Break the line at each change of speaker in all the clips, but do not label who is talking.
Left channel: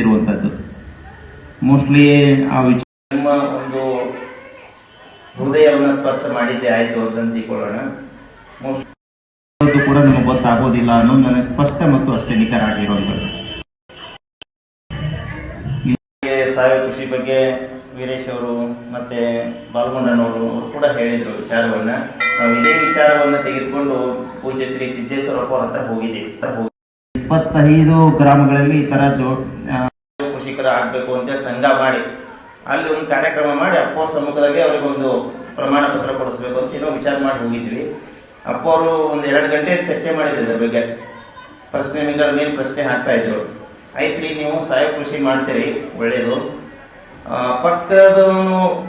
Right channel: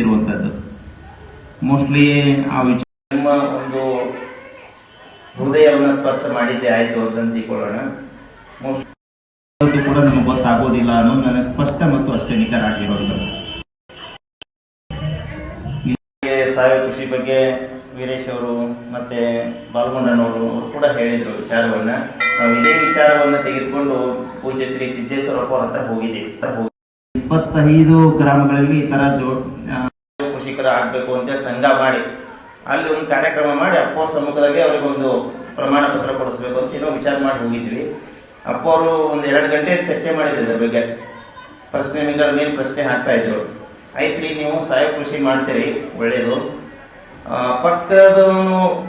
ಇರುವಂತದ್ದು. ಮೋಸ್ಟ್ಲಿ ಆ ವಿಚಾರ
ನಿಮ್ಮ ಒಂದು ಹೃದಯವನ್ನು ಸ್ಪರ್ಶ ಮಾಡಿದ್ದೆ ಆಯ್ತು ಅಂತ
ಕೂಡ ನಿಮಗೆ ಗೊತ್ತಾಗೋದಿಲ್ಲ ಅನ್ನೋದು ನನಗೆ ಸ್ಪಷ್ಟ ಮತ್ತು ಅಷ್ಟೇ ನಿಖರ ಆಗಿರುವಂಥದ್ದು
ಸಾವಯವ ಕೃಷಿ ಬಗ್ಗೆ ವೀರೇಶ್ ಅವರು ಮತ್ತೆ ಬಾಲಗೊಂಡನವರು ಅವರು ಕೂಡ ಹೇಳಿದ್ರು ವಿಚಾರವನ್ನ. ನಾವು ಇದೇ ವಿಚಾರವನ್ನ ತೆಗೆದುಕೊಂಡು ಪೂಜ್ಯ ಶ್ರೀ ಸಿದ್ದೇಶ್ವರಪ್ಪ ಹತ್ರ ಹೋಗಿದ್ದೀವಿ ಹೋಗಿ
ಇಪ್ಪತ್ತೈದು ಗ್ರಾಮಗಳಲ್ಲಿ ಈ ತರ ಜೋ ಆ,
ಆಗಬೇಕು ಅಂತ ಸಂಘ ಮಾಡಿ ಅಲ್ಲಿ ಒಂದು ಕಾರ್ಯಕ್ರಮ ಮಾಡಿ ಅಪ್ಪವ್ರ ಸಮ್ಮುಖದಲ್ಲಿ ಅವ್ರಿಗೊಂದು ಪ್ರಮಾಣ ಪತ್ರ ಕೊಡಿಸ್ಬೇಕು ಅಂತ ಏನೋ ವಿಚಾರ ಮಾಡಿ ಹೋಗಿದ್ವಿ. ಅಪ್ಪ ಅವರು ಒಂದು ಎರಡು ಗಂಟೆ ಚರ್ಚೆ ಮಾಡಿದ್ರು ಇದ್ರ ಬಗ್ಗೆ. ಪ್ರಶ್ನೆಗಳ ಮೇಲೆ ಪ್ರಶ್ನೆ ಹಾಕ್ತಾ ಇದ್ರು. ಐತ್ರಿ ನೀವು ಸಾಯ ಕೃಷಿ ಮಾಡ್ತೀರಿ ಒಳ್ಳೇದು. ಆ, ಪಕ್ಕದವನು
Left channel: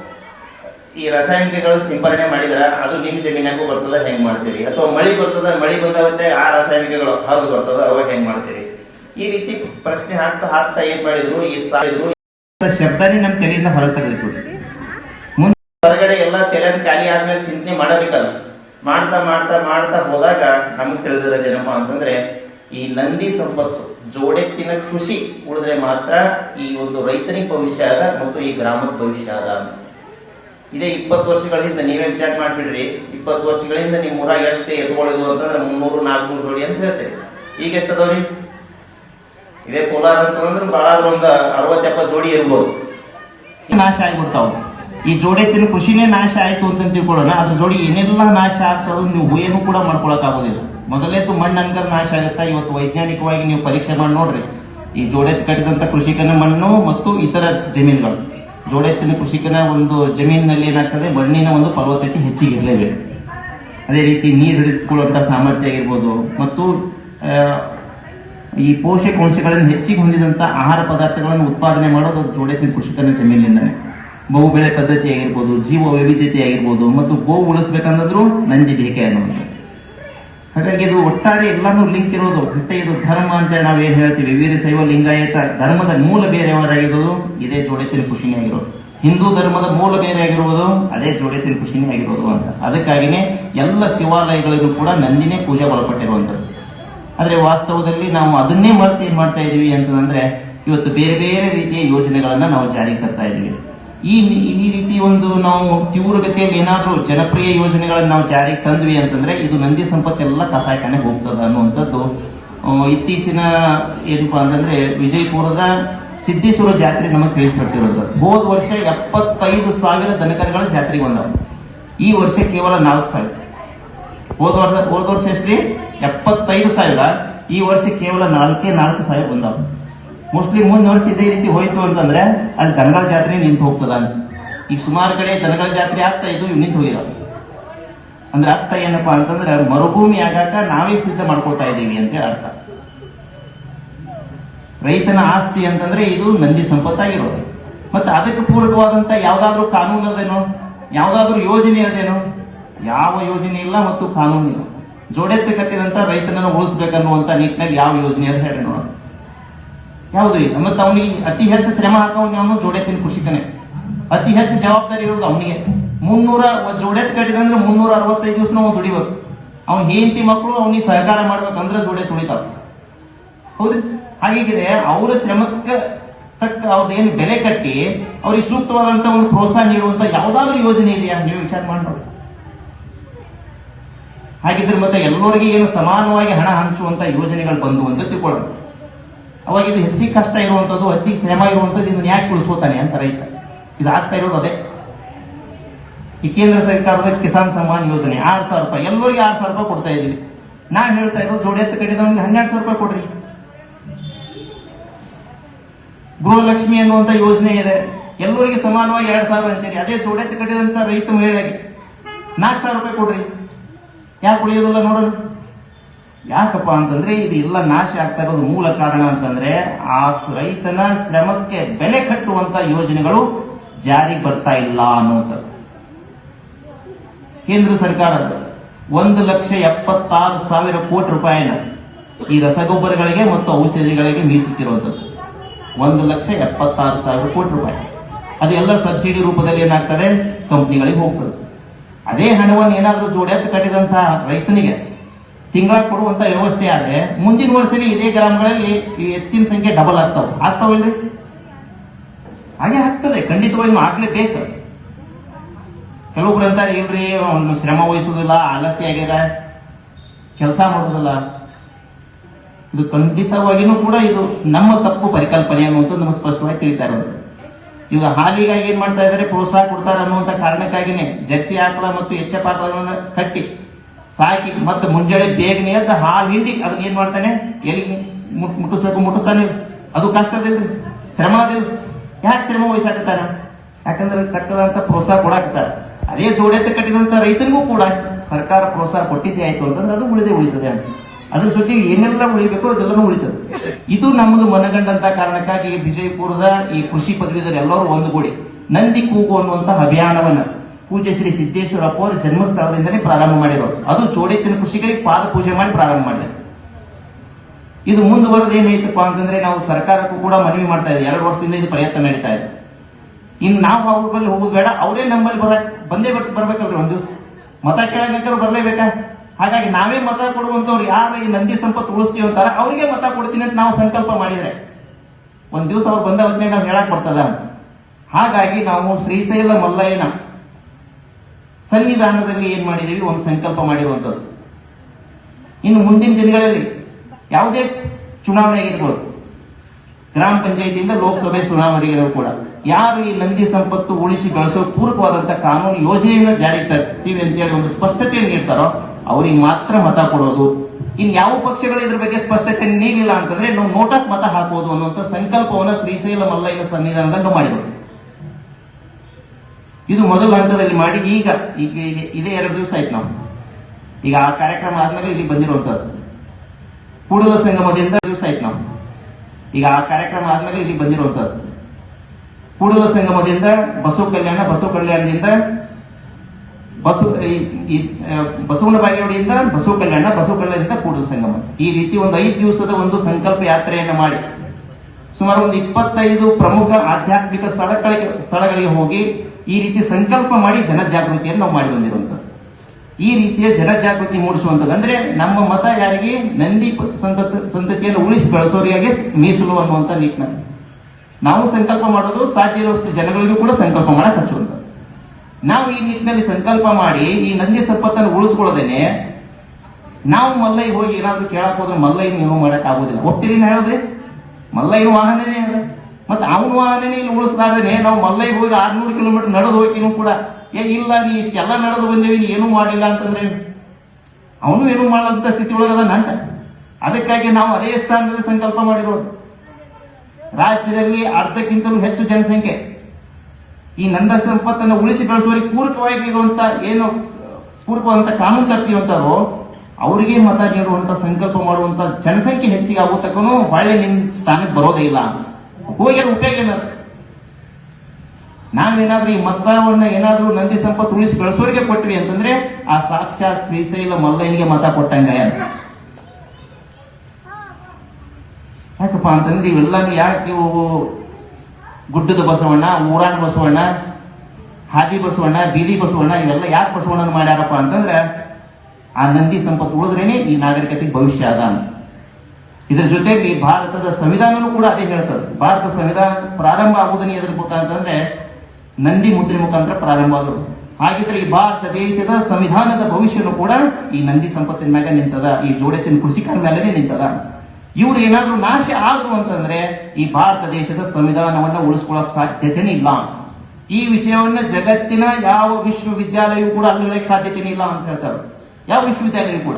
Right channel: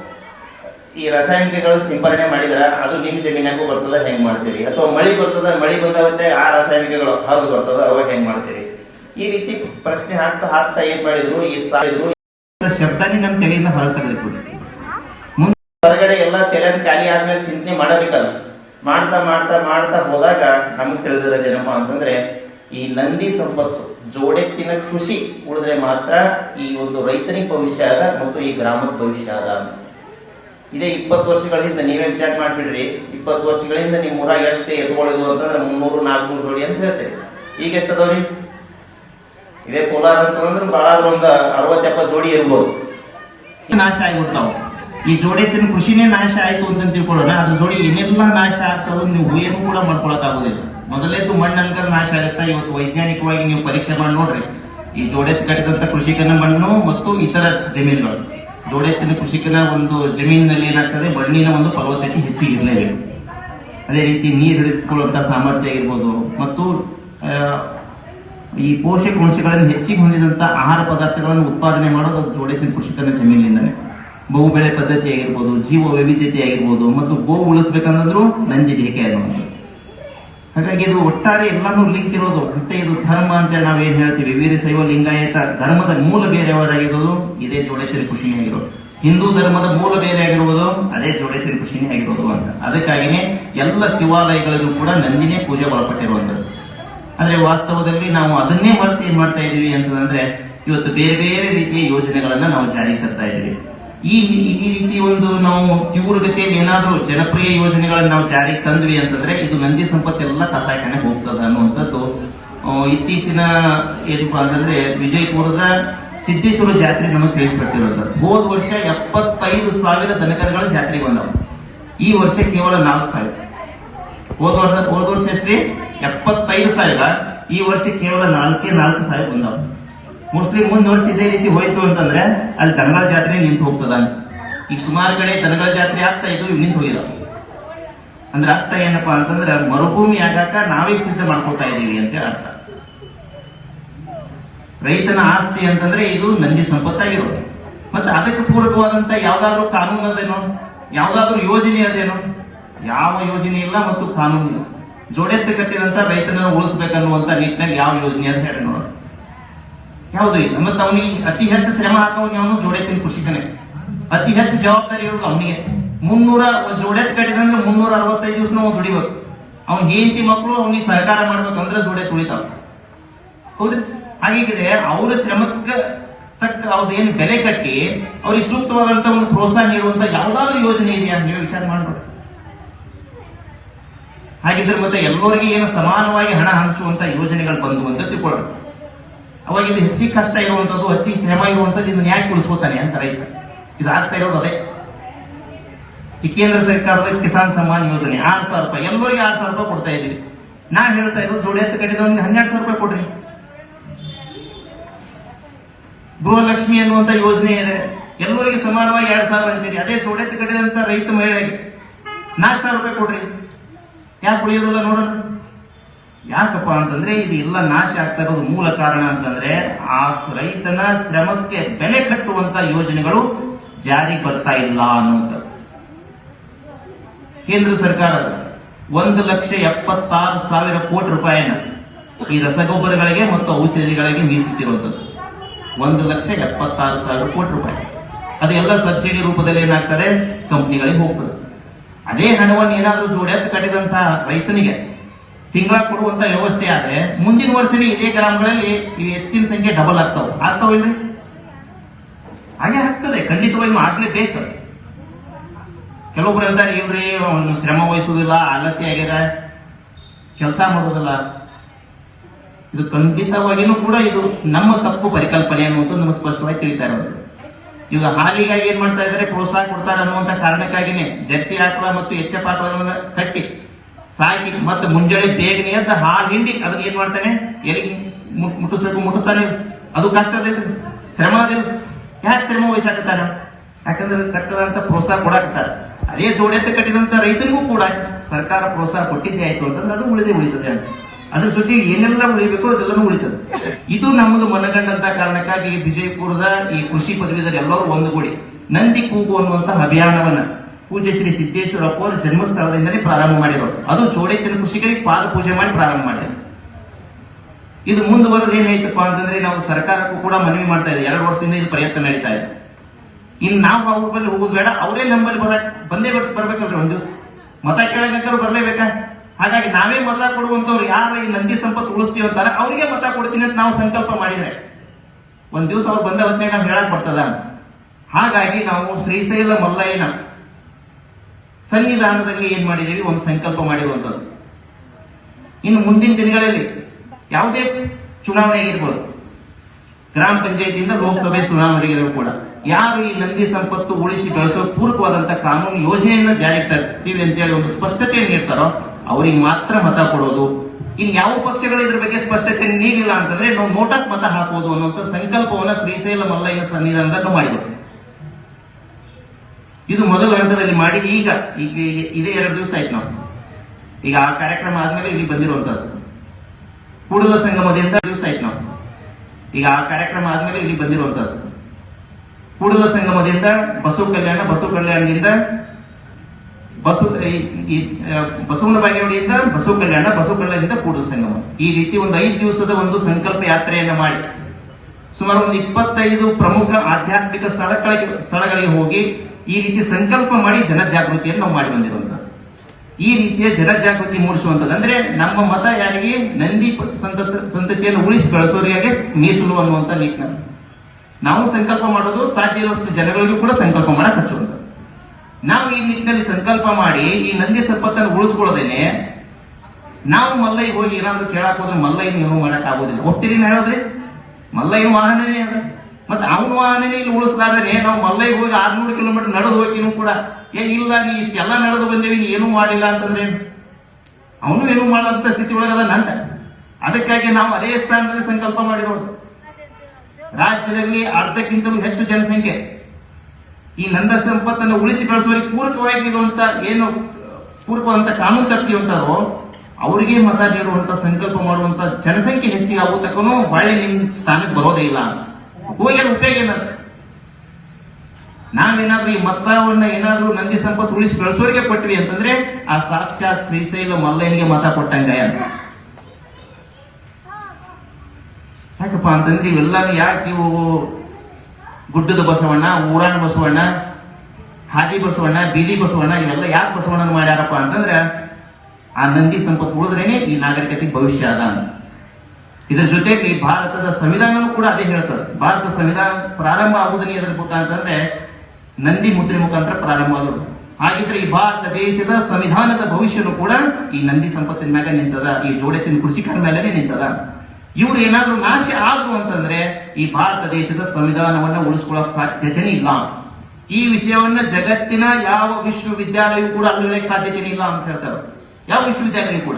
ಈ ರಾಸಾಯನಿಕಗಳು ಸಿಂಪರಣೆ ಮಾಡಿದ್ರೆ ಅದು ನಿಮ್ಮ ಜಮೀನಾಗೂ ಬರ್ತದ ಹೆಂಗೆ ಮಾಡ್ತೀರಿ? ಅಥವಾ ಮಳೆ ಬರ್ತದ ಮಳೆ ಬಂದಾಗುತ್ತೆ ಆ ರಾಸಾಯನಿಕಗಳು ಹರಿದು ಬರ್ತದ ಅವಾಗ ಹೆಂಗೆ ಮಾಡ್ತೀರಿ? ಈ ರೀತಿ ಪ್ರಶ್ನೆ ಹಾಕ್ತಾ ಹಾಕ್ತಾ ಏನ್ ಮಾಡಿದ್ರು? ಈ ಸಾಯಿದ್ರು
ಶಬ್ದನೇ ನಮ್ಮ ತಲೆಯಿಂದ ಹೊರ ತೆಗೆದು
ಹೊರಗಡೆ ಎಲ್ಲ ತೆರೆ ಖಾಲಿ ಆದ್ಮೇಲೆ ಚಿಂತನೆ ಮಾಡಬೇಕಲ್ಲ. ಮಾಡ್ತಾ ಮಾಡ್ತಾ ಮಾಡ್ತಾ ಹೋದಾಗ ನಮ್ಗೆ ತಿಳಿದಿರೋದೇನಪ್ಪ ಅಂತಂದ್ರೆ ಈ ನಂದಿ ಸಂಪತ್ತು ಜೋಡೆತ್ತಿನ ಕೃಷಿ ಉಳಿದ್ರೆ ಮಾತ್ರ ಈ ಒಂದು ರೈತನಿಗೆ ಭವಿಷ್ಯ ಅದ ಮತ್ತು ಈ ಗ್ರಾಮದ ಭವಿಷ್ಯ ಅದ ಅಂತ. ಇದೇ ಇಪ್ಪತ್ತು ವರ್ಷಗಳ ಹಿಂದೆ ನೀವೇ ವಿಚಾರ ಮಾಡ್ಬಿಡ್ರಿ. ಇಪ್ಪತ್ತು ವರ್ಷಗಳಿಂದ ನಿಮ್ ಊರಾಗ ಎಷ್ಟು ಎತ್ಕೊಳ್ಳೋದು ಅಂತಂದ್ರೆ ಮುನ್ನೂರು ನಾಲ್ಕುನೂರು ಜೋಡಿ ಅಂತ ಹೇಳ್ತೇವೆ. ಈಗ ಎಷ್ಟದವ್ರಿ ಅದಾವ್ರಿ? ಇದೇ ಕೋಲಾರ ಅಂತಂದ್ರೆ ಬಹಳ ಒಂದು ಅರವತ್ತು ಎಪ್ಪತ್ತು ಜೋಡಿ ಇರ್ಬೋದು.
ನಾಶ ಆಗಿಬಿಡ್ತಾವ. ಈ ಜೋಡೆತ್ತಿನ ಕೃಷಿನೇ ನಾಶ ಆಯ್ತು ಅಂತ ತಿಳ್ಕೊಳ್ಳೋಣ. ಅದ್ರ ಜೋಡಿ ಏನೆಲ್ಲ ನಾಶ ಆಗ್ತದ ನೀವು ಏನು ಕೂಡ ಮಾಡ್ಕೊಳಕ್ ಆಗೋದಿಲ್ಲ ಮೊದಲೇದು ಮಣ್ಣು ನಾಶ ಆಗುತ್ತಾ? ಇವತ್ತು ವೈಜ್ಞಾನಿಕವಾಗಿ ನೀವು ಪರೀಕ್ಷೆ ಮಾಡಿ ನೋಡ್ರಿ. ಈ ಜೋಡೆತ್ತು ಕಟ್ಟಿದಂತ ಕೃಷಿಕನ ಮಣ್ಣು ಮತ್ತು ಇತರ ಜಮೀನುಗಳು. ಜೋಡೆತ್ತಿನ ಕೃಷಿಕನ ಒಂದು ಜಮೀನಿನಲ್ಲಿ ಏನಾಗ್ತದೆ? ಮಣ್ಣಿನ ಒಂದು ಫಲವತ್ತತೆ ಹೆಚ್ಚಿಗೆ ಇರಲೇಬೇಕು ಅದೇ ರೀತಿ ನೀರು ಹಿಡಿದುಕೊಳ್ಳುವಂತ ಸಾಮರ್ಥ್ಯ ಆಗಿರ್ಬೋದು ಮತ್ತು ಈ ಪೋಷಕಾಂಶಗಳನ್ನು ಹೆಚ್ಚಿಗೆ ಹೊಂದಿದಂತ ಆಹಾರ ಪದಾರ್ಥಗಳನ್ನು ಉತ್ಪಾದನೆ ಮಾಡೋದು ಅದು ಜೋಡೆತ್ತಿನ ಕೃಷಿಕನ ಜಮೀನಿನಿಂದನೇ. ಬಹು ಬೆಳೆ ಪದ್ಧತಿ ಆಗಿರ್ಬೋದು ಜೀವ ವೈವಿಧ್ಯತೆ ಆಗಿರ್ಬೋದು ಮತ್ತು ಗೋವು ಉಳಿಸ್ಬೇಕಂದ್ರೂ ನಂದಿ ಬೇಕೆ ಅನ್ನುವಂಥದ್ದು. ಹಾಗಾಗಿ ಇದು ಒಟ್ಟಾರೆ ಎಲ್ಲಾನು ಲಿಂಕ್ ಇರೋದು, ಮತ್ತೆ ಇದು ಧರ್ಮ ಅಂತ ನಾವು ಏನ್ ಹೇಳ್ತೀವಿ ವೀರಶೈವ ಲಿಂಗಾಯತ ಧರ್ಮದ ಮೂಲ ಬೇರೆಯವರಾಗಿರೋದು, ಇದೇ ಜೋಡೆತಿನ ಕೃಷಿನೇ ಆಗಿರೋದು. ಹಿಂದೂ ಧರ್ಮದ ಮೂಲ ಬೇರೆ ಆಗಿರುವುದು ಅದೇ ಜೋಡೆತಿನ ಕೃಷಿನೇ ಆಗಿರೋದು ಅಂತ. ಅದಕ್ಕಾಗಿನೇ ಎಲ್ಲ ಶಿವಾಲಯಗಳಿಗೂ ಕೂಡ ನಂದಿನೇ ಪೂಜೆ ಒಳಪಟ್ಟಿರುವಂಥದ್ದು ಆದ್ರೆ ವಾಸ್ತವದಲ್ಲಿ ನಾವು ಅದನ್ನೇ ಮರೆತು ಏನ್ ಮಾಡ್ತಾ ಇದೀವಿ ಅಂತಂದ್ರೆ ಇವತ್ತು ಬೇರೆ ಬೇರೆ ರೀತಿಯ ಯೋಜನೆಗಳನ್ನ ನಾವು ಜಾರಿಗೆ ತರ್ತಾ ಇದೀವಿ. ಈ ಈ ರೀತಿ ಒಂದು ನಾವು ತೀವ್ರಗತಿಯಲ್ಲಿ ಏನಾದ್ರೂ ಜನಪ್ರಿಯ ಯೋಜನೆಗಳನ್ನು ನಾವು ಜಾರಿಗೆ ತಂದ್ವಿ ಅಂತಂದ್ರೆ ಇದು ನಂದಿ ಸಂಪತ್ತೆಲ್ಲ ಕಸಾಯಖಾನೆ ಹೋಗ್ತದ ಅನ್ನುವಂಥದ್ದು. ಇತ್ತೀಚಿನ ಏನಪ್ಪ ಅಂತಂದ್ರೆ ವಿಜಯಪುರದ ಸಿದ್ದೇಶ್ವರ ಜಾತ್ರೆ ನಮಗೆ ತಿಳಿಸ್ಪಟ್ಟಿರೋದು ಹೋದ ವರ್ಷ ಎಪ್ಪತ್ತೈದು ಸಾವಿರ ದನಕರಗಳ ಜಾತ್ರೆಗೆ ಬಂದವು. ಈ ವರ್ಷ ಕೇವಲ ನಾಲ್ಕು ಸಾವಿರ. ಹೋದ ವರ್ಷ ಹೋದ ವರ್ಷ ಎಷ್ಟ್ರಿ? ಎಪ್ಪತ್ತೈದು ಸಾವಿರ. ಈ ವರ್ಷ ಕೇವಲ ನಾಲ್ಕೇ ನಾಲ್ಕು ಸಾವಿರ ಬಂದವು. ಮೋಸ್ಟ್ಲಿ ಮುಂದ್ ಇದೇ ರೀತಿ ಹೋಯ್ತು ಅಂತಂದ್ರೆ ಅಲ್ಲಿ ದನಗಳ ಜಾತ್ರೆ ನಿಂತು ಹೋಗ್ತದ ಅಂತ. ಈಗ ಸುಮಾರು ಕಡೆ ದನಗಳ ಜಾತ್ರೆ ಆಗ್ತಾ ಇದ್ದು ನಿಂತು ಹೋಗಿಲ್ಲ ಅಂದ್ರೆ ಅರ್ಥ ಏನಪ್ಪಾ ಅಂತಂದ್ರೆ ಮರುಭೂಮಿ ಆಗಾಕ ನಾವೇ ಸಿದ್ಧ ಮಾಡ್ಕೊಳ್ತಾ ಇದ್ದೀವಿ ಅಂತ ಅರ್ಥ. ರೈತನ ಆಸ್ತಿ ಅಂತಂದ್ರೆ ಇದು ನಂದಿ ಸಂಪತ್ತಾಗಿರೋದು ಮತ್ತೆ ಅದಕ್ಕೆ ಪೂರಕವಾದಂತ ಯಾವ್ದಾದ್ರೂ ಕಾನೂನು ಅದೇನೋ? ಯಾವ್ದಾದ್ರೂ ಯೋಜನೆ ಅದೇನೋ? ಯಾವ ಯೋಜನೆ ಇಲ್ಲ ಮತ್ತು ಕಾನೂನು ಇಲ್ಲ. ಜೋಡೆತ್ತು ಕಟ್ಟಿದಂತ ರೈತನನ್ನು ಉಳಿಸ್ಬೇಕನ್ನುವಂತ ನಿಟ್ಟಿನಲ್ಲಿ ಯಾವ ಯೋಜನೆ ಅಂತ ಹೇಳಿ ನೋಡೋಣ ಯಾವುದು ಇಲ್ಲ ಮತ್ತೆ ಅವನಿಗೆ ಅತಿ ಹೆಚ್ಚು ಶ್ರಮ ಹಾಕೋವನಿಗೆ ಅವನು ಜೋಡೆತ್ತಿನ ಕೃಷಿಕನೇ. ಅತಿ ಹೆಚ್ಚು ಜವಾಬ್ದಾರಿ ಇರೋದು ಅವನಿಗೆ. ಮುನ್ನೂರ ಜೋಡೆತ್ ಕಟ್ಟಿದಂದ್ರೆ ಮುನ್ನೂರ ಅರವತ್ತೈದು ದಿವಸ ನಾವು ದುಡಿಬೇಕು. ಅವ್ನ ಹೆಂಡತಿ ಮಕ್ಕಳು ಅವನಿಗೆ ಸಹಕಾರ ಮಾಡ್ಬೇಕಂದ್ರೆ ಜೋಡೆ ತುಳಿತಾವ ಹೌದು ಹಾಗಿದ್ರೆ ಅವರ ಶ್ರಮಕ್ಕೆ ತಕ್ಕ ಅವ್ರದ್ದೇನು ಬೆಲೆ ಕಟ್ಟಿ ಅವ್ರಿಗೆ ಸೂಕ್ತವಾದಂತ ಒಂದು ಪ್ರೋತ್ಸಾಹ ನೀಡುವಂತ ಯಾವ್ದಾದ್ರು ಯೋಜನೆ ಇದೆಯಾ ನೀವು ವಿಚಾರ ಮಾಡಬೇಕು ಹಾಗಿದ್ರೆ ಮತ್ತೆ ಎಲ್ಲರಿಗೆ ಏನು ಸಮಾನವಾಗಿ ಹಣ ಹಂಚುವಂತ ಯೋಜನೆಗಳು ಬಂದು ಅಂತ ತಿಳ್ಕೊಳ್ಬೇಕು ಅವಾಗ ಇದು ಹೆಚ್ಚಿಗೆ ಕಷ್ಟ ಇರುವಂತದ್ದು, ಹೆಚ್ಚಿಗೆ ಶ್ರಮ ಇರುವಂತದ್ದು ಇದನ್ನ ಯಾಕೆ ಉಳಿಸ್ಕೋತಾನೆ ಅಂತ ರೈತ. ಇದಾಗ್ತಾ ಇರೋದು ಅದೇ. ಈ ಕೇಂದ್ರ ಸರ್ಕಾರದ ಕಿಸಾನ್ ಸಮ್ಮಾನ್ ಯೋಜನೆ, ಆರು ಸಾವಿರ ರೂಪಾಯಿ. ಎಲ್ಲರಿಗೆ ಆರು ಸಾವಿರ ರೂಪಾಯಿ ಕೊಡ್ತಾ ನಾನ್ ಹೇಳ್ತಾ ಇರೋದು ಜೋಡಿ ಎತ್ತು ಕಟ್ಟಿದವನಿಗೆ ಹನ್ನೆರಡು ಸಾವಿರ ರೂಪಾಯಿ ಕೊಡ್ರಿ. ಗೃಹಲಕ್ಷ್ಮಿ ಅನ್ನುವಂತ ಯೋಜನೆ ಇದೆ. ಎಲ್ಲರಿಗೆ ಸಮಾನವಾಗಿ ಎರಡು ಸಾವಿರ ಅಂತೀರಿ. ಅದೇ ಜೋಡೆತ್ತು ಕಟ್ಟಿದಂತ ರೈತ ಮಹಿಳೆಗೆ ನಾಲ್ಕು ಸಾವಿರ ರೂಪಾಯಿ ಕೊಡ್ರಿ. ಯಾಕೆ ಉಳಿಯೋದಿಲ್ಲ ನೋಡೋಣ ಯಾಕಪ್ಪ ಅಂತಂದ್ರೆ ಇದು ಎಲ್ಲ ನಾಶ ಆಗ್ತಾ ಇರೋದು ಮೂಲ ಕಾರಣ ಅಂತಂದ್ರೆ ಆ ರೈತನ ಶ್ರಮಕ್ಕೆ ಬೆಲೆ ಕಟ್ಟುವಂತ ಯೋಜನೆಗಳು ಜಾರಿಗೆ ಬರ್ತಾ ಇಲ್ಲ ಅನ್ನೋದು. ಕೇಂದ್ರ ಸರ್ಕಾರ ಒಂದು ಲಕ್ಷ ಎಪ್ಪತ್ತಾರು ಸಾವಿರ ಕೋಟಿ ರೂಪಾಯಿನ ಈ ರಸಗೊಬ್ಬರಗಳಿಗೆ ಮತ್ತು ಔಷಧಿಗಳಿಗೆ ಮೀಸಲಿಟ್ಟಿರುವಂಥದ್ದು ಒಂದು ಲಕ್ಷ ಎಪ್ಪತ್ತಾರು ಸಾವಿರ ಕೋಟಿ ರೂಪಾಯಿ. ಅದೆಲ್ಲ ಸಬ್ಸಿಡಿ ರೂಪದಲ್ಲಿ ಏನಾಗ್ತದೆ? ಕಂಪ್ನಿಗಳಿಗೆ ಹೋಗ್ತದೆ. ಅದೇ ಹಣವನ್ನು ಏನಾದರೂ ಜೋಡೆತ್ತು ಕಟ್ಟಿದಂತಹ ರೈತನಿಗೆ ತಿಂಗಳ ಕೊಡುವಂತ ವ್ಯವಸ್ಥೆ ಆದ್ರೆ ಮುಂದಿನ ವರ್ಷನೇ ಇದೇ ಗ್ರಾಮಗಳಲ್ಲಿ ಈ ಎತ್ತಿನ ಸಂಖ್ಯೆ ಡಬಲ್ ಆಗ್ತಾವ. ಆಗ್ತಾವಿಲ್ರಿ? ಹಾಗೆ ಆಗ್ತದೆ. ಖಂಡಿತವಾಗಿ ಮಾಡ್ಲೇಬೇಕು ಕೆಲವೊಬ್ರು ಅಂತಾರೆ ಇಲ್ರಿ ಅವನು ಶ್ರಮ ವಹಿಸುವುದಿಲ್ಲ, ಆಲಸ್ಯ ಆಗ್ಯಾರ ಕೆಲಸ ಮಾಡೋದಿಲ್ಲ ಇದು ಖಂಡಿತವಾಗಿನೂ ಕೂಡ ಇದು ನಮ್ಮ ತಪ್ಪು ಪರಿಕಲ್ಪನೆ ಅನ್ನುವಂಥದ್ದು ನಮಗೆ ಸ್ಪಷ್ಟವಾಗಿ ತಿಳಿತಾ ಇರೋದು ಈಗ ಹಾಲಿಗಾಗಿ ಏನ್ ಮಾಡ್ತಾ ಇದ್ದಾರೆ ಪ್ರೋತ್ಸಾಹ ಕೊಡ್ತಾರೆ ಅನ್ನುವಂತ ಕಾರಣಕ್ಕಾಗಿನೇ ಜರ್ಸಿ ಆಕಳ ಮತ್ತು ಎಚ್ ಎಫ್ ಆಕಳನ್ನ ಕಟ್ಟಿ ಸಾಕಿ ಮತ್ತೆ ಮುಂಜಾನೆ ಬೇಗನೆ ಅಂತ ಹಾಲು ಹಿಂಡಿ ಅದನ್ನ ಏನ್ ಮಾಡ್ತಾನೆ? ಎಲ್ಲಿ ಮುಟ್- ಮುಟ್ಟಿಸ್ಬೇಕು, ಮುಟ್ಟಿಸ್ತಾನೆ? ಅದು ಕಷ್ಟ ಅದಿಲ್ರಿ ಶ್ರಮ ಅದೇವ್ ಯಾಕೆ ಶ್ರಮ ವಹಿಸಾಕತ್ತಾರ? ಯಾಕಂದ್ರೆ ತಕ್ಕದಂತ ಪ್ರೋತ್ಸಾಹ ಕೊಡಾಕತ್ತಾರ. ಅದೇ ಜೋಡೆತ್ತ ಕಟ್ಟಿದಂತ ರೈತರಿಗೂ ಕೂಡ ಸರ್ಕಾರ ಪ್ರೋತ್ಸಾಹ ಕೊಟ್ಟಿದ್ದೇ ಆಯ್ತು ಅಂತಂದ್ರೆ ಅದು ಉಳಿದೇ ಉಳಿತದೆ ಅಂತ. ಅದ್ರ ಜೊತೆಗೆ ಏನೆಲ್ಲ ಉಳಿಬೇಕು ಅದೆಲ್ಲನೂ ಉಳಿತದೆ. ಇದು ನಮಗೆ ಮನಗಂಡಂತ ಕಾರಣಕ್ಕಾಗಿ ವಿಜಯಪುರದ ಈ ಕೃಷಿ ಪದವೀಧರ ಎಲ್ಲರೂ ಒಂದುಗೂಡಿ ನಂದಿ ಕೂಗು ಅನ್ನುವಂತಹ ಅಭಿಯಾನವನ್ನ ಪೂಜೆ ಶ್ರೀ ಸಿದ್ದೇಶ್ವರಪ್ಪ ಅವರ ಜನ್ಮಸ್ಥಳದಿಂದಲೇ ಪ್ರಾರಂಭ ಮಾಡಿರೋರು ಅದು ಜೋಡೆತ್ತಿನ ಕೃಷಿಕರಿಗೆ ಪಾದ ಪೂಜೆ ಮಾಡಿ ಪ್ರಾರಂಭ ಮಾಡಿದ್ರು ಇದು ಮುಂದುವರೆದ ಏನಾಯ್ತಪ್ಪ ಅಂತಂದ್ರೆ ನಾವು ಸರ್ಕಾರಕ್ಕೂ ಕೂಡ ಮನವಿ ಮಾಡ್ತಾ ಇದ್ದೀವಿ. ಎರಡು ವರ್ಷದಿಂದ ಇದು ಪ್ರಯತ್ನ ನಡೀತಾ ಇದೆ. ಇನ್ನು ನಾವು ಅವ್ರ ಬಳಿ ಹೋಗೋದು ಬೇಡ, ಅವರೇ ನಮ್ಮಲ್ಲಿ ಬರ ಬಂದೇ ಬೇಕು ಒಂದು ಒಂದ್ ದಿವಸ. ಮತ ಕೇಳಬೇಕಾದ್ರೂ ಬರ್ಲೇಬೇಕಾ? ಹಾಗಾಗಿ ನಾವೇ ಮತ ಕೊಡುವಂತವ್ರು ಯಾರು ಈ ನಂದಿ ಸಂಪತ್ತು ಉಳಿಸ್ತೀವಿ ಅಂತಾರೆ, ಅವ್ರಿಗೆ ಮತ ಕೊಡ್ತೀನಿ ಅಂತ ನಾವು ಸಂಕಲ್ಪ ಮಾಡಿದ್ರೆ. ಒಂದ್ ದಿವಸ ಅವ್ರು ಬಂದ ಹೊತ್ತಿನಾಗ ನಾವು ಹೇಳಕ್ ಬರ್ತದ? ಹಾಗಾಗಿ ನಾವು ಶ್ರೀಶೈಲ ಮಲ್ಲಯ್ಯನ ಸಂವಿಧಾನದಲ್ಲಿ ಏನ್ ಮಾಡಿದೀವಿ? ಒಂದು ಸಂಕಲ್ಪ ಮಾಡಿರುವಂತದ್ದು ಇನ್ನು ಮುಂದಿನ ದಿನಗಳಲ್ಲಿ ಯಾವುದೇ ಚುನಾವಣೆ ಆಗಿರ್ಬೋದು, ಗ್ರಾಮ ಪಂಚಾಯತಿಯಿಂದ ಲೋಕಸಭೆ ಚುನಾವಣೆಗೆ ಕೂಡ. ಯಾರು ಈ ನಂದಿ ಸಂಪತ್ತು ಉಳಿಸಿ ಬೆಳೆಸೋ ಪೂರಕವಾದಂತ ಕಾನೂನು ಯೋಜನೆಯನ್ನು ಜಾರಿಗೆ ತರ್ತೀವಿ ಅಂತೇಳಿ ಒಂದು ಸ್ಪಷ್ಟತೆಯನ್ನು ನೀಡ್ತಾರೋ ಅವರಿಗೆ ಮಾತ್ರ ಮತ ಕೊಡೋದು. ಇನ್ ಯಾವ ಪಕ್ಷಗಳು ಇದ್ರ ಬಗ್ಗೆ ಸ್ಪಷ್ಟತೆ ನೀಡಿಲ್ಲ ಅಂತಂದ್ರೆ ನಾವು ನೋಟಾಕ್ ಮತ ಹಾಕೋದು ಅನ್ನುವಂತ ಸಂಕಲ್ಪವನ್ನ ಶ್ರೀಶೈಲ ಮಲ್ಲಯ್ಯ ಸನ್ನಿಧಾನದಲ್ಲಿ ಮಾಡಿದ್ರು. ಇದು ಮೊದಲ ಹಂತದಲ್ಲಿ ಮಾಡಿ, ಈಗ ಈಗ, ಈಗ- ಇದೇ ಎರಡು ದಿವಸ ಆಯ್ತು ನಾವು. ಈಗ ಆ ಕಾರ್ಯಕ್ರಮ ಆದ್ಮೇಲೆ ಇಲ್ಲಿ ಬಂದಿರುವಂತದ್ದು. ಕೂಡಲ ಸಂಗಮದಿಂದ ದಿವಸ ಆಯ್ತು ನಾವು. ಈಗ ಆ ಕಾರ್ಯಕ್ರಮ ಆದ್ಮೇಲೆ ಇಲ್ಲಿ ಬಂದಿರುವಂತದ್ದು. ಕೂಡಲ ಸಂಗಮದಿಂದ ಬಸವ ಕಲ್ಯಾಣ, ಬಸವ ಕಲ್ಯಾಣದಿಂದ ಬಸವ ಬಸವನ ಬಾಗೇವಾಡಿಯಿಂದ ಬಸವ ಕಲ್ಯಾಣ, ಬಸವ ಕಲ್ಯಾಣದಿಂದ ಕೂಡಲ ಸಂಗಮ. ಈ ರೀತಿ ಒಂದು ಐದು ದಿವಸದ ಒಂದು ಸಂಕಲ್ಪ ಯಾತ್ರೆಯನ್ನು ಮಾಡಿ. ಸುಮಾರು ಒಂದು ಇಪ್ಪತ್ತೈದು ಪ್ರಮುಖ ಆಧ್ಯಾತ್ಮಿಕ ಸ್ಥಳಗಳಿಗೆ ಸ್ಥಳಗಳಿಗೆ ಹೋಗಿ ಈ ರೀತಿ ಸಂಕಲ್ಪ ಮಾಡಿ ಜನಜಾಗೃತಿಯನ್ನು ನಾವು ಮಾಡಿ ಬಂದಿರುವಂತಹ ಈ ರೀತಿಯ ಜನಜಾಗೃತಿ ಮೂಡಿಸುವಂಥದ್ದು. ಅಂದ್ರೆ ನಮ್ಮ ಮತ ಯಾರಿಗೆ? ನಂದಿ ಸಂತತ, ಸಂತತಿಯನ್ನು ಉಳಿಸಿ ಬೆಳೆಸೋರಿಯಾಗೆ ಮೀಸಲು ಅನ್ನುವಂಥ ನಿಟ್ಟಿನಲ್ಲಿ. ನಾವು ಸಂಕಲ್ಪ ಮಾಡೋದು ಸಾಧ್ಯ ಇರುವಷ್ಟು ಜನಗಳಿಗೂ ಕೂಡ ಸಂಕಲ್ಪ ಮಾಡಕ್ಕೆ ಹಚ್ಚುವಂತ ನಾವು ಈ ನಿಟ್ಟಿನಲ್ಲಿ ಸಂಕಲ್ಪ ಮಾಡಿ ಈ ನಂದಿ ಸಂಪತ್ತನ್ನು ಉಳಿಸ್ಕೊಳ್ಳೋದೇನೆ. ನಾವು ಮಲ್ಲೈ ಹೋಗಿ ಏನಾದ್ರೂ ಕೇಳಕ್ ಹೋದ್ರೆ ಮಲ್ಲೈನ ಏನು ಮಾಡಕ್ ಆಗೋದಿಲ್ಲ. ಹೋಗ್ತೀರಿ ಹೇಳೋದ್ರಿ? ಮಲ್ಲೈನ ವಾಹನನೇ ಅದ. ಮತ್ತೆ ಅವನ ವಾಹನನೇ ಇಲ್ಲಿ ಉಳಿಸ್ಲಾರ್ದೇನೆ ನಾವು ಮಲ್ಲೈ ಹೋಗಿ ಆರ್ನೂರು ಕಿಲೋಮೀಟರ್ ನಡೆದು ಹೋಗ್ತೀನೂ ಕೂಡ. ಏ, ಇಲ್ಲ, ನೀ ಇಷ್ಟೆಲ್ಲ ನಡೆದು ಬಂದೇವಿ, ನೀ ಏನೂ ಮಾಡಿಲ್ಲ ಅಂತಂದ್ರೆ? ಅವನು ಏನೂ ಮಾಡಲಂತ ಸ್ಥಿತಿ ಒಳಗದ ನಂತ. ಅದಕ್ಕಾಗಿ ನಾವು ಅದೇ ಸ್ಥಾನದಲ್ಲಿ ಸಂಕಲ್ಪ ಮಾಡಿರೋದು. ರಾಜ್ಯದಲ್ಲಿ ಅರ್ಧಕ್ಕಿಂತಲೂ ಹೆಚ್ಚು ಜನಸಂಖ್ಯೆ. ಈ ನಂದ ಸಂಪತ್ತನ್ನು ಉಳಿಸಿ ಬೆಳೆಸುವವರಿಗೆ ಪೂರಕವಾಗಿರುವಂತ ಏನು ಪೂರಕವಂತ ಕಾನೂನು ತರ್ತೀವಂತಾರೋ ಅವರಿಗೆ ಮತ ನೀಡುವಂತ ಸಂಕಲ್ಪ ಮಾಡುವಂತ ಜನಸಂಖ್ಯೆ ಹೆಚ್ಚಿಗೆ ಆಗೋ ತಕ್ಕನು ಹೊಳ್ಳಿ ನಿಮ್ ಸ್ಥಾನಕ್ಕೆ ಬರೋದೇ ಇಲ್ಲ. ಹೋಗಿ ಉಪಯೋಗ ಏನಾದ್ರು ನಾವೇನಾದ್ರೂ ಈ ಮತವನ್ನ ಏನಾದ್ರೂ ನಂದಿ ಸಂಪತ್ತು ಉಳಿಸಿ ಬೆಳೆಸೋರಿಗೆ ಕೊಟ್ವಿ ಅಂತಂದ್ರೆ ಆ ಸಾಕ್ಷಾತ್ ಶ್ರೀಶೈಲ ಮಲ್ಲಯ್ಯನಿಗೆ ಮತ ಕೊಟ್ಟಂಗ. ಯಾಕಪ್ಪ ಅಂತಂದ್ರೆ ಇವೆಲ್ಲ ಯಾಕೆ ಇವು ಗುಡ್ಡದ ಬಸವಣ್ಣ ಊರಾಣ ಬಸವಣ್ಣ, ಹಾದಿ ಬಸವಣ್ಣ, ಬೀದಿ ಬಸವಣ್ಣ, ಇವೆಲ್ಲ ಯಾಕೆ ಬಸವಣ್ಣನ ಮಾಡ್ಯಾರಪ್ಪ ಅಂತಂದ್ರೆ, ಆ ನಂದಿ ಸಂಪತ್ತು ಉಳಿದ್ರೇನೆ ಈ ನಾಗರಿಕತೆ ಭವಿಷ್ಯ ಅದ ಇದರ ಜೊತೆಗೆ ಭಾರತದ ಸಂವಿಧಾನನೂ ಕೂಡ ಅದೇ ಹೇಳ್ತದೆ. ಭಾರತ ಸಂವಿಧಾನ ಪ್ರಾರಂಭ ಆಗುವುದನ್ನು ಎದ್ರ ಅಂತಂದ್ರೆ, ನಂದಿ ಮುದ್ರೆ ಮುಖಾಂತರ ಪ್ರಾರಂಭ ಆಗೋದು. ಹಾಗಿದ್ರೆ ಈ ಭಾರತ ದೇಶದ ಸಂವಿಧಾನದ ಭವಿಷ್ಯನೂ ಕೂಡ ಈ ನಂದಿ ಸಂಪತ್ತಿನ ಮ್ಯಾಗ ನಿಂತದ, ಈ ಜೋಡೆತ್ತಿನ ಕೃಷಿಕರ ಮೇಲೆ ನಿಂತದ. ಇವ್ರು ಏನಾದರೂ ನಾಶ ಆದ್ರು ಅಂತಂದ್ರೆ ಈ ಭಾರತ ದೇಶದ ಸಂವಿಧಾನವನ್ನು ಉಳಿಸ್ಕೊಳ್ಳೋಕೆ ಸಾಧ್ಯತೆನೇ ಇಲ್ಲ. ಈ ವಿಷಯವನ್ನ ಜಗತ್ತಿನ ಯಾವ ವಿಶ್ವವಿದ್ಯಾಲಯವೂ ಕೂಡ ಅಲ್ಲಿ ಸಾಧ್ಯತೆನೇ ಇಲ್ಲ ಅಂತ ಹೇಳ್ತಾರೆ ಯಾವ ವಿಶ್ವವಿದ್ಯಾಲಯ ಕೂಡ.